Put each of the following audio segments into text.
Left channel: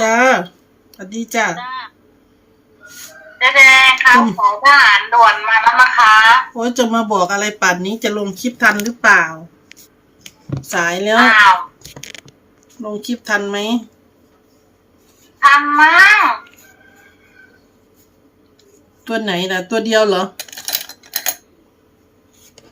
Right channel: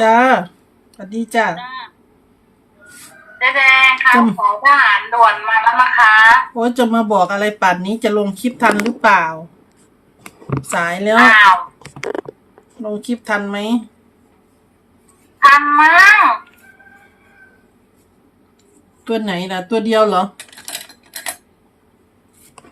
จ้าสวัสดีจ้าเจ๊แดงค่ะอืมขอทหารด่วนมาแล้วนะคะโอ้ยจะมาบอกอะไรป่านนี้จะลงคลิปทันหรือเปล่า สายแล้ว อ้าวลงคลิปทันไหมทันมั้งตัวไหนล่ะ ตัวเดียวเหรอ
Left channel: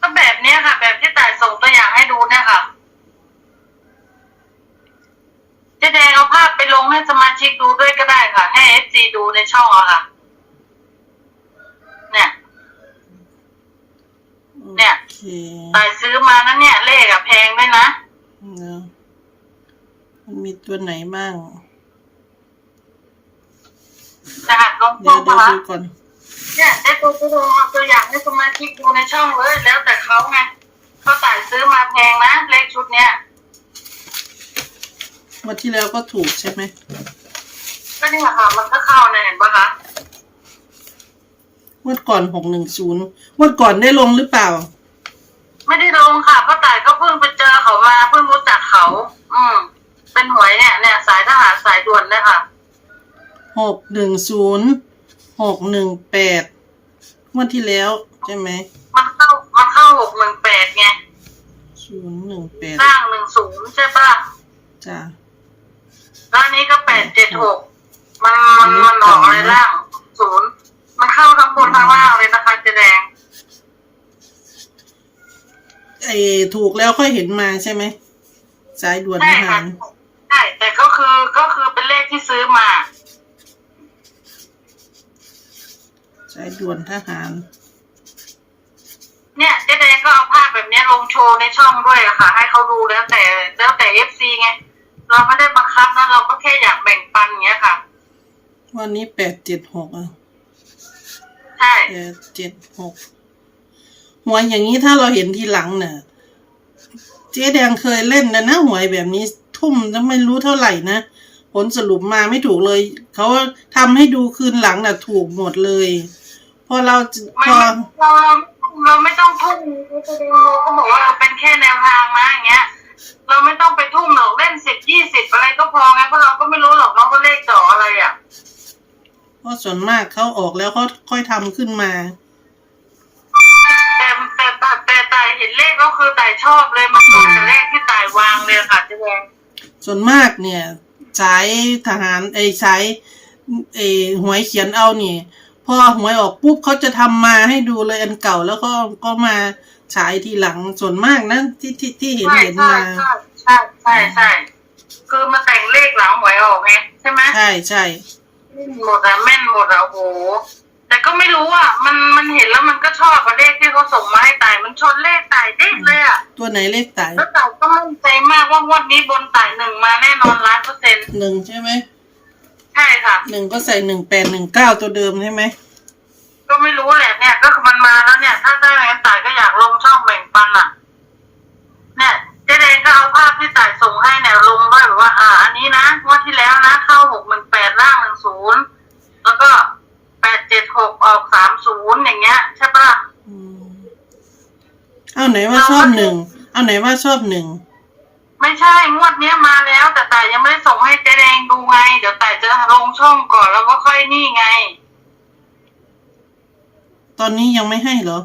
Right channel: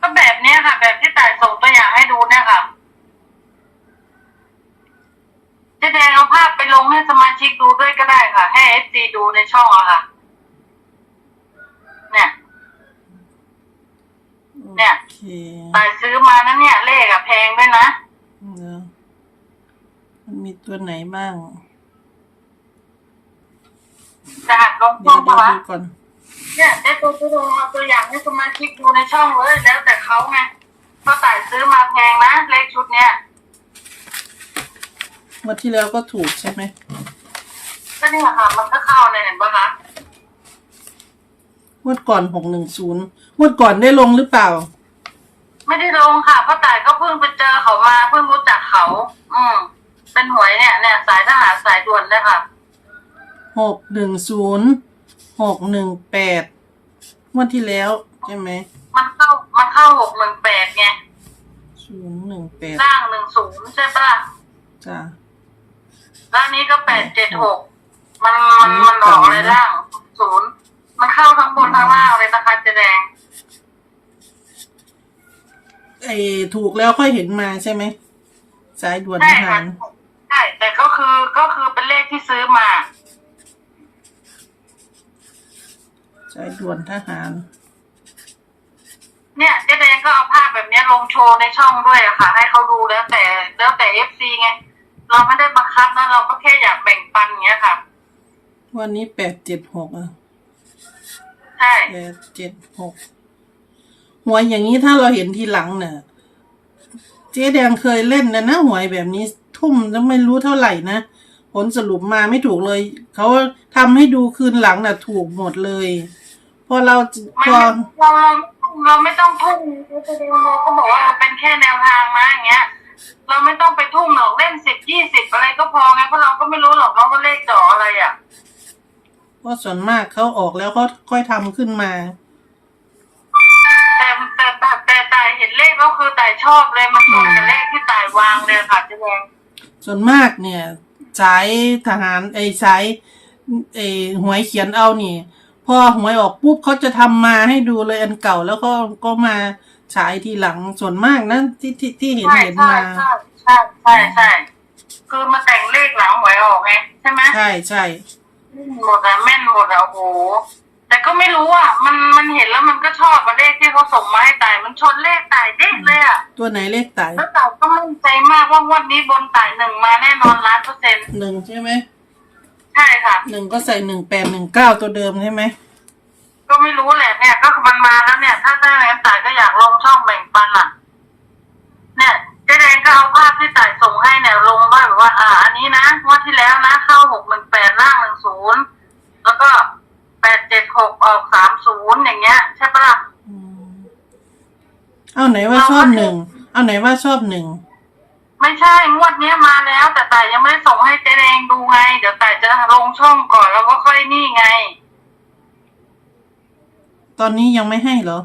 ก็แบบเนี้ยค่ะ แบบที่ต่ายส่งตัวอย่างให้ดูเนี่ยค่ะ เจ๊แดงเอาภาพไปลงให้สมาชิกดูด้วยก็ได้ค่ะ ให้เอฟซี ดูในช่องอะค่ะ เนี่ย เนี่ยโอเคต่ายซื้อมานั้นเนี่ย เลขอะแพงด้วยนะเนอะมันมีตัวไหนบ้างจะหัดลงเดี๋ช่ยอวงเดี๋ยวปะดูก่อนเนี่ยได้ตัวตัวเอาตัวอย่างให้สมาชิกดูในช่องเลยแล้วแต่เขาไงเพราะต่ายซื้อมาแพงนะเลขชุดเนี้ยงวันที่แล้วก็ถูกใช่ไหม ก็นี่แหละค่ะ มันก็เข้าเลยเห็นปะคะงวดก่อนหกหนึ่งศูนย์งวดก่อนได้ลงหรือเปล่า ไม่ได้ลงค่ะเพราะต่ายก็เพิ่งไปเจอเขามาเพิ่งรู้จักเขา อืม เป็นหวยเนี่ยเนี่ยสายทหารสายด่วนเลยค่ะหกหนึ่งศูนย์หกหนึ่งแปดงวดที่แล้วใช่ไหมมันเข้ามันเข้าหกหนึ่งแปดไงศูนย์หนึ่งแปดล่างหนึ่งศูนย์ใช่ปะล่ะจ้าแล้วอันนี้ก็แปดเจ็ดหก มันมันมันออกอะไรล่างศูนย์มันเข้าทั้งบนทั้งล่างเลยนะคะเจ๊แดงไอ้ถูกแล้วค่อยเห็นมาใช่ไหมสายด่วนทใช่หาค่ะรใช่แต่ก็คือก็คือเป็นเลขที่ซื้อมา สายด่วนทหาร เนี่ยเจ๊แดงก็เอาภาพแบบเนี้ยลงโชว์ในช่องด้วยอะค่ะ ให้เขาดูแล้วแต่แล้วแต่เอฟซีไง เราไม่ได้บังคับนะเราก็แค่อยากแบ่งปันอย่างเงี้ยค่ะ วันนี้แปดเจ็ดหกอะใช่แปดเจ็ดหกหวยอย่างนี้ถ้าเราเห็นทีหลังเนี่ยเจ๊แดงเคยเล่นนะนะหวยแบบนี้ทุ่มจะไม่รู้เท่าไหร่นะ ผลสรุปมาไม่ถูกเลย เขาทำให้ดูคืนหลังน่ะ ถูกหมดเลย พอเราจะไม่พอเราเราไม่ต้องทุ่มเจ๊แดงเราก็บอกว่าเราเป็นแค่แนวทางนะอย่างเงี้ย เราไม่ต้องไปทุ่มหรอกเล่นสิบยี่สิบอะไรก็พอไงเพราะเราก็ไม่รู้หรอกเนาะว่าเลขจ่ออะไรอะ เพราะส่วนมากเขาออกแล้วเขาค่อยทำขึ้นมา แต่แต่แต่แต่แต่เห็นเลขก็คือแต่ชอบเลยมันตรงกับเลขที่แต่วางเลยค่ะเจ๊แดงส่วนมากเนี่ยสายทหารไอ้สายไอ้หวยเขียนเอานี่พอหวยออกปุ๊บเขาจะทำมาให้ดูเลยอันเก่าแล้วก็ก็มาฉายทีหลังส่วนมากนะที่ที่ที่เห็นใช่เห็นใช่มา ใช่ใช่ใช่ใช่คือมาแต่งเลขหลังหวยออกไงใช่ไหม ใช่ใช่ หมดอะแม่นหมดอะโอ้โห แต่ก็ไม่รู้อะมันมันเห็นแล้วมันก็ชอบอะเลขที่เขาส่งมาให้ตาย มันชนเลขตายเด้งเลยอะตัวไหนเลขไต่แล้วตายก็มั่นใจมากว่างวดนี้บนตายหนึ่งมาแน่นอนล้านเปอร์เซ็นต์หนึ่งใช่ไหมใช่ค่ะ หนึ่งก็ใส่หนึ่งแปดหนึ่งเก้าตัวเดิมใช่ไหม ก็ไม่รู้แหละเนี่ย ก็คือมันมาแล้วเนี่ย ถ้าได้ ไหนว่าชอบหนึ่งเอาไหนว่าชอบหนึ่งไม่ใช่งวดเนี้ยมาแล้ว แต่แต่ยังไม่ได้ส่งให้เจ๊แดงดูไง เดี๋ยวแต่จะลงช่องก่อนแล้วก็ค่อยนี่ไง ตอนนี้ยังไม่ให้เหรอ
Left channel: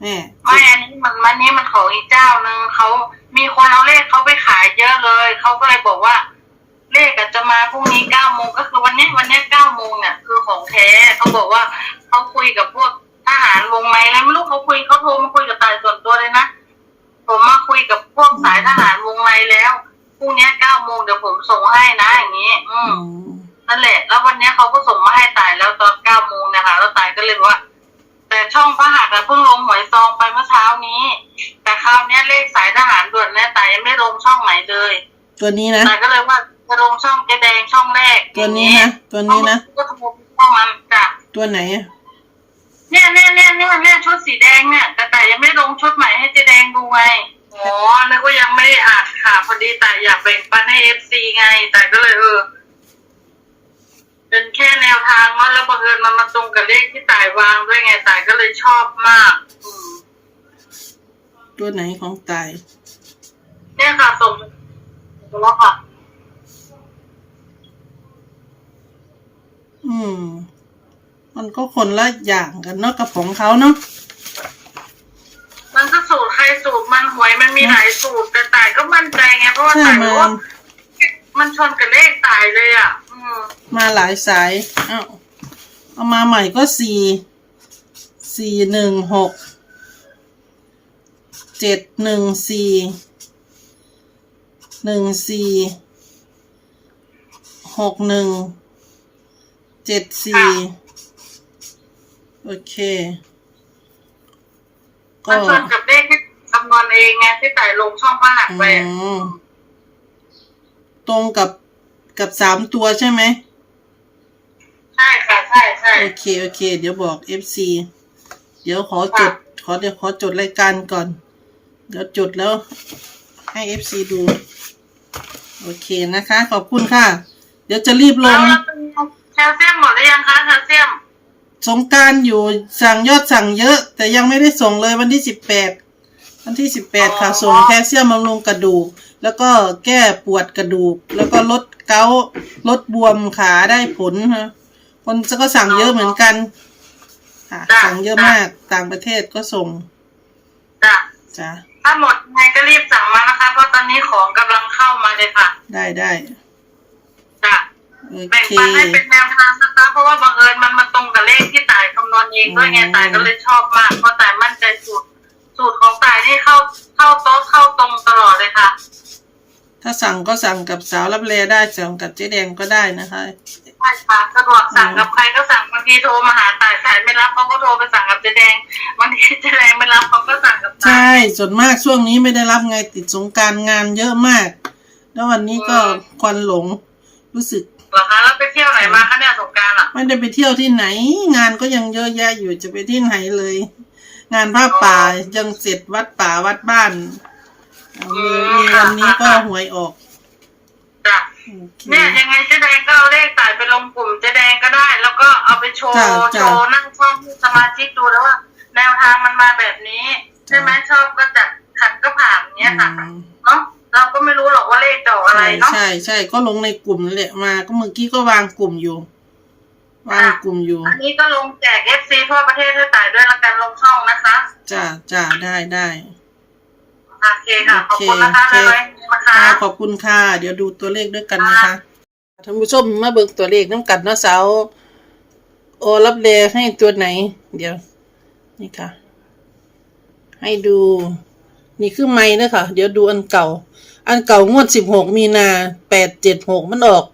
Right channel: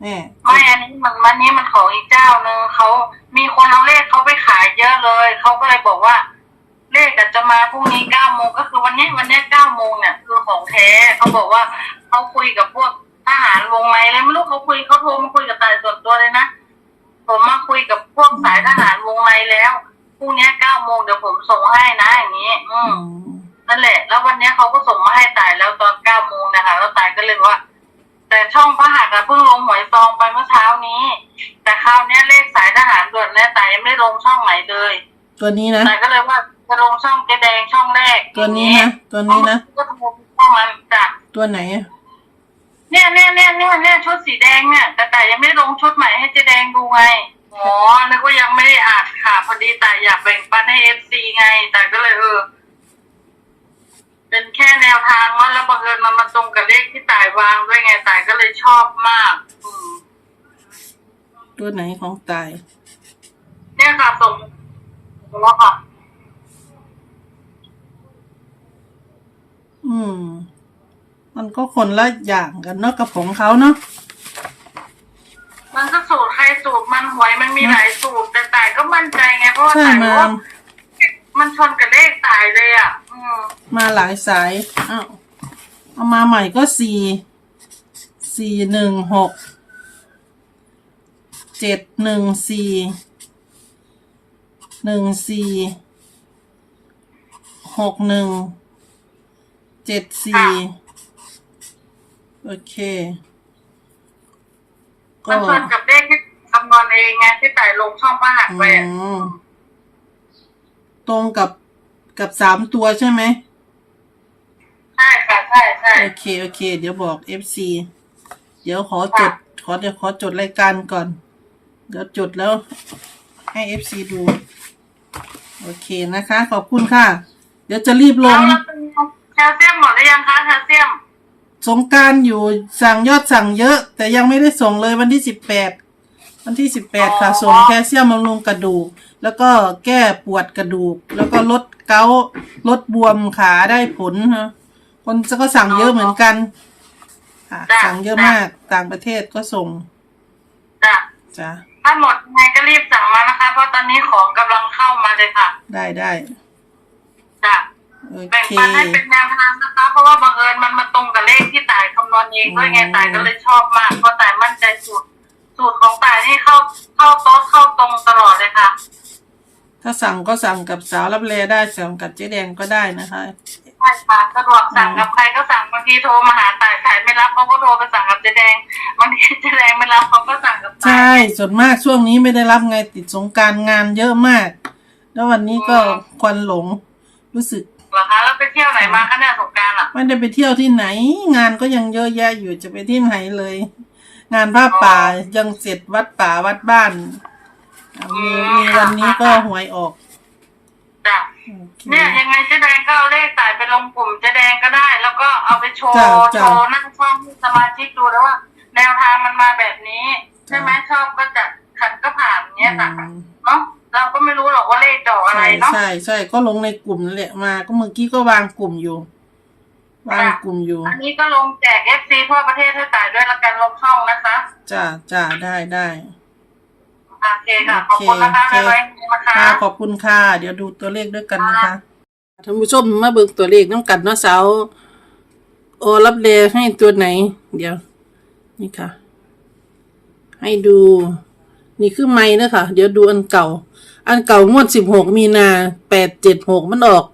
แม่ไม่อันนี้มันมันนี้มันของอีกเจ้าหนึ่งเขามีคนเอาเลขเขาไปขายเยอะเลยเขาก็เลยบอกว่า เลขอาจจะมาพรุ่งนี้เก้าโมงก็คือวันเนี้ยวันเนี้ยเก้าโมงเนี่ยคือของแท้เขาบอกว่าเขาคุยกับพวก ทหารวงในแล้วไม่รู้เขาคุยเขาโทรมาคุยกับตายส่วนตัวเลยนะผมมาคุยกับพวกสายทหารวงในแล้วพรุ่งเนี้ยเก้าโมงเดี๋ยวผมส่งให้นะอย่างนี้ อือืมมนั่นแหละ แล้ววันเนี้ยเขาก็ส่งมาให้ตายแล้วตอนเก้าโมงนะคะ แล้วตายก็เลยบอกว่า แต่ช่องพระหัตถ์อะเพิ่งลงหวยซองไปเมื่อเช้านี้ แต่คราวเนี้ยเลขสายทหารด่วนเนี่ยตายยังไม่ลงช่องไหนเลย ตัวนี้นะตายก็เลยว่าจะลงช่องเกแดงช่องแรก ตัวนี้นะตัวนี้นะก็โทรไปช่องมันจ้ะตัวไหนอะ เนี่ยเนี่ยเนี่ยเนี่ยเนี่ยชุดสีแดงเนี่ยแต่แต่ยังไม่ลงชุดใหม่ให้เจแดงดูไงอ๋อนึกว่ายังไม่ได้อ่านค่ะพอดีแต่อยากแบ่งปันให้เอฟซีไง แต่ก็เลยเออ เป็นแค่แนวทางว่าแล้วบังเอิญมันมาตรงกับเลขที่ต่ายวางด้วยไงต่ายก็เลยชอบมาก อืมตัวไหนของตาย เนี่ยค่ะส่งแล้วค่ะ อืม มันก็คนละอย่างกันเนาะกับของเขาเนาะมันก็สูตรใครสูตรมันหวยมันมีหลายสูตร แต่ตายก็มั่นใจไงเพราะว่าใช่ตายมารู้ว่ามันชนกับเลขตายเลยอะ อืมมาหลายสายอ้าวเอามาใหม่ก็สี่สี่หนึ่งหกเจ็ดหนึ่งสี่หนึ่งสี่หกหนึ่งเจ็ดสี่ โอเค ก็มันชนกับเลขที่คำนวณเองไงที่ตายลงช่องพระหักอืไปอะมตรงกับกับสามตัวใช่ไหมใช่ค่ะใช่ใช่โอเคโอเค เดี๋ยวบอก FC เดี๋ยวขอจด ขอเดี๋ยวขอจดรายการก่อน เดี๋ยวจดแล้วให้ FC ดู โอเคนะคะ ขอบคุณค่ะ เดี๋ยวจะรีบลแล้วงแล้วเป็นแคลเซียมหมดหรือยังคะแคลเซียม สงกรารอยู่สั่งยอดสั่งเยอะ แต่ยังไม่ได้ส่งเลยวันที่สิบแปดวันที่สิบแปดค่ะ ส่งแคลเซียมบำรุงกระดูก แล้วก็แก้ปวดกระดูก แล้วก็ลดเกาต์ลดบวมขาได้ผลนะคนก็สั่งเยอะเหมือนกันค่ะจ้ะสั่งเยอะมากต่างประเทศก็ส่งจ้ะจ้ะถ้าหมดยังไงก็รีบสั่งมานะคะ เพราะตอนนี้ของกำลังเข้ามาเลยค่ะ ได้ได้จ้ะโอ แบ่งเคปันให้เป็นแนวทางนะคะ เพราะว่าบังเอิญมันมาตรงกับเลขที่ตายคำนวณเองด้วยไงอืมตายก็เลยชอบมากเพราะตายมั่นใจสูตรสูตรของตายนี่เข้าเข้าโต๊ะเข้าตรงตลอดเลยค่ะ ถ้าสั่งก็สั่งกับสาวรับเลได้สั่งกับเจ๊แดงก็ได้นะคะใช่ค่ะสะดวกสั่งกับใครก็สั่งบางทีโทรมาหาตายสายไม่รับเขาก็โทรไปสั่งกับเจ๊แดงบางทีเจ๊แดงไม่รับเขาก็สั่งกับตายใช่ส่วนมากช่วงนี้ไม่ได้รับไงติดสงกรารงานเยอะมาก แล้ววันนี้ก็ควันหลงรู้สึก เหรอคะแล้วไปเที่ยวไหนมาคะเนี่ยสงกรารอะไม่ได้ไปเที่ยวที่ไหน งานก็ยังเยอะแยะอยู่จะไปที่ไหนเลย งานผ้าป่ายังเสร็จวัดป่าวัดบ้านอะมีมีวันนี้ก็หวยออกจ้ะโอเค เนี่ยยังไงเจ๊แดงก็เอาเลขตายไปลงกลุ่มเจ๊แดงก็ได้ แล้วก็เอาไปโชว์จ้ะจ้ะ โชว์นั่งช่องให้สมาชิกดูแล้วว่า แนวทางมันมาแบบนี้ ใช่ไหมชอบก็จัดขัดก็ผ่านเนี้ยค่ะ อืมเนาะเราก็ ไม่รู้หรอกว่าเลขจะออกอะไรใช่เนาะ ใช่ใช่ก็ลงในกลุ่มนั่นแหละมา ก็เมื่อกี้ก็วางกลุ่มอยู่ วางกลุ่มอยู่อันนี้ก็ลงแจกเอฟซีทั่วประเทศให้ตายด้วยละกันลงช่องนะคะจ้าจ้าได้ได้โอเคค่ะ ขอบคุณนะคะโอเคเลยนะคะ ค่ะขอบคุณค่ะ เดี๋ยวดูตัวเลขด้วยกันนะคะท่านผู้ชมมาเบิ่งตัวเลขน้ำกันเนาะสาวโอรับเลให้ตัวไหน เดี๋ยว นี่ค่ะ ให้ดู นี่คือไม้นะค่ะเดี๋ยวดูอันเก่า อันเก่างวดสิบหกมีนาแปดเจ็ดหกมันออก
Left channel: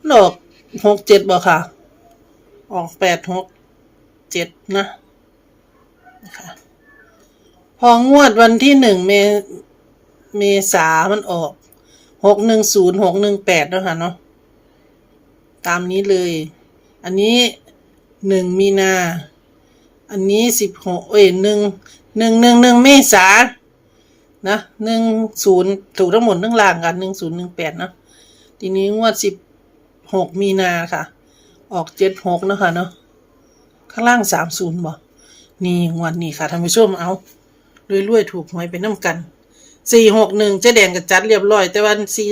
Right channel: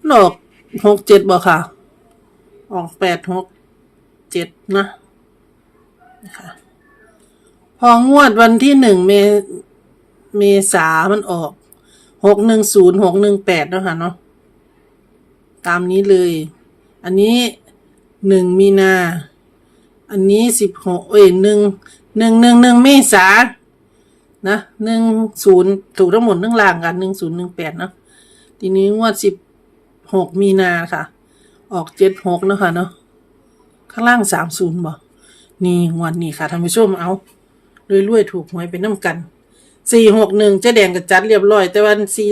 มันออกหกเจ็ดบ่ค่ะ ออกแปดหกเจ็ดนะนะคะพองวดวันที่หนึ่งเมเมษามันออกหกหนึ่งศูนย์หกหนึ่งแปดแล้วค่ะเนาะตามนี้เลย อันนี้หนึ่งมีนา อันนี้สิบหกเอ้ยหนึ่งหนึ่งหนึ่งหนึ่งเมษา นะหนึ่งศูนย์ถูกทั้งหมดทั้งล่างกันหนึ่งศูนย์หนึ่งแปดนะทีนี้งวดสิบหกมีนาค่ะ ออกเจ็ดหกนะคะเนาะข้างล่างสามศูนย์บ่นี่งวดนี้ค่ะท่านผู้ชมเอารวยๆถูกหวยไปน้ำกันสี่หกหนึ่งเจ๊แดงก็จัดเรียบร้อย แต่วันสี่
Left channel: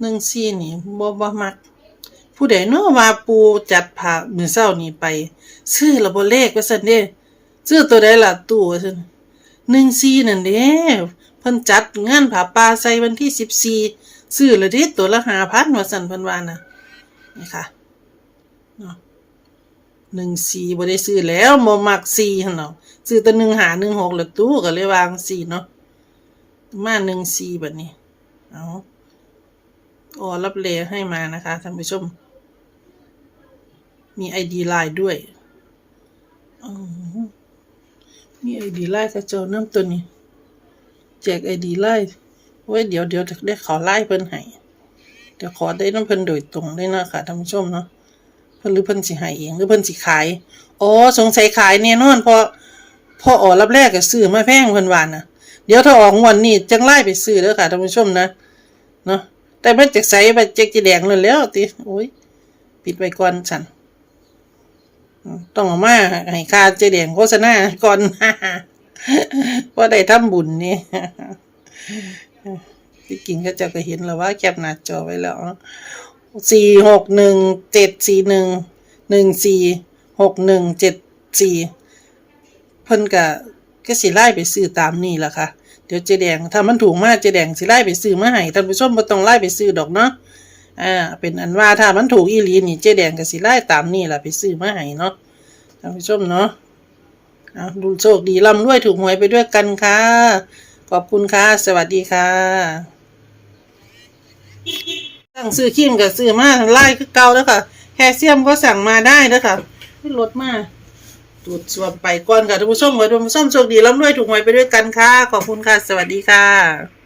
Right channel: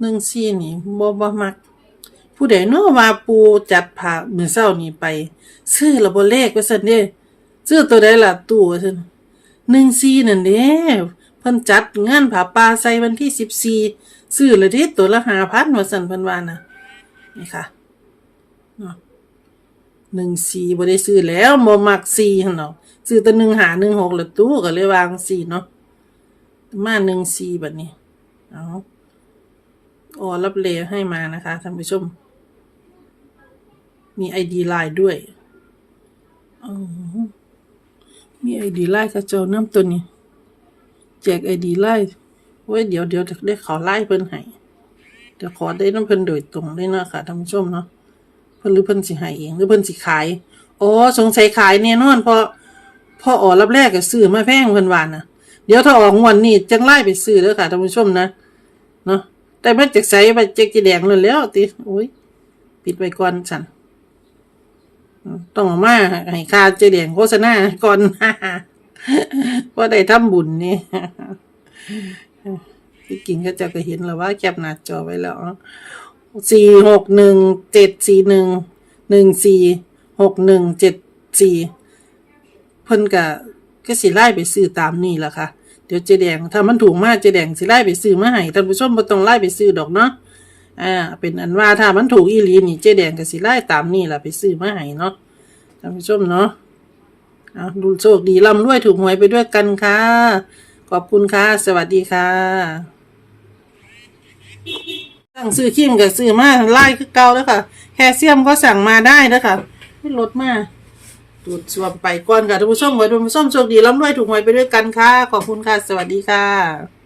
หนึ่งสี่นี่บ่บ่มัก ผู้ใดเนาะว่าปูจัดผ่ามือเศร้านี่ไป ซื้อระบบเลขว่าซั่นเด้ซื้อตัวใดล่ะตู้ว่าซั่น หนึ่งสี่นั่นเด้เพิ่นจัดงานผาป่าใส่วันที่สิบสี่ซื้อละเด้ตัวละหาพันว่าซั่นพิ่นวานะนี่ค่ะหนึ่งสี่บ่ได้ซื้อแล้วบ่มักสี่หั่นเนาะซื้อแต่หนึ่งหาหนึ่งหกล้วตู้ก็เลยวางสี่เนาะมาหนึ่งสี่บัดนี้เอาอ๋อรับเลให้มานะคะท่านผู้ชม มีไอดีไลน์ด้วยอ๋อ มีไอดีไลน์กระเจ้าน้ำตัวนี้แจกไอดีไลน์ไว้เดี๋ยวเดี๋ยวจะได้ขอไล่เพิ่นให้เดี๋ยวขอได้น้ำเพิ่นโดยตรงได้นาะค่ะท่านผู้ชมเนาะเพิ่นหรือเพิ่นสิให้เองหรือเพิ่นสิขายอ๋อสงสัยขายแน่นอนเพราะพอออกรับแรกก็ซื้อมาแพงเพิ่นวานนะเดี๋ยวถ้าออกงวดนี้จังไล่ไปซื้อเด้อค่ะท่านผู้ชมนะเนาะแต่ไมันจากใสไปเจ๊กจีแดงเลยแล้วติโอ้ยปิดไว้ก่อนฉัน ต้องเอามาให้ค่าเจ๊แดงโฆษณาก่อนว่าได้ทำบุญนี่ที่กินก็จะก็เห็นแล้วว่าแคปหน้าจอไว้แล้วสี่หกหนึ่งเจ็ดสี่หนึ่งหนึ่งสี่หกหนึ่งเจ็ดสี่เพิ่นกะก็สิไล่ไปซื้อตามนี่แหละค่ะ เดี๋ยวเจแดงถ้ามันถูกมากเจแดงสิไล่ไปซื้อมาให้ท่านผู้ชมบ่ต้องไล่ไปซื้อดอกเนาะ อ่า เป็นอันว่าถ้ามันถูกอีหลีนี่เจแดงก็สิไล่ตามนี่แหละไปซื้อมาให้เนาะท่านผู้ชมเนาะเอาดูโชคดีร่ำรวยถูกหวยไปด้วยกันค่ะ ขอบคุณค่ะ สวัสดีค่ะสั่งซื้อครีมกับซื้อมาไล่คือเก่าแล้วค่ะแคลเซียมก็สั่งมาได้แล้วค่ะไม่ลดมาตรวจสอบไปก่อนค่ะท่านผู้ชมไว้ท่านผู้ชมโชคดีร่ำรวยถูกหวยไปด้วยกันค่ะ ขอบคุณค่ะ สวัสดีค่ะ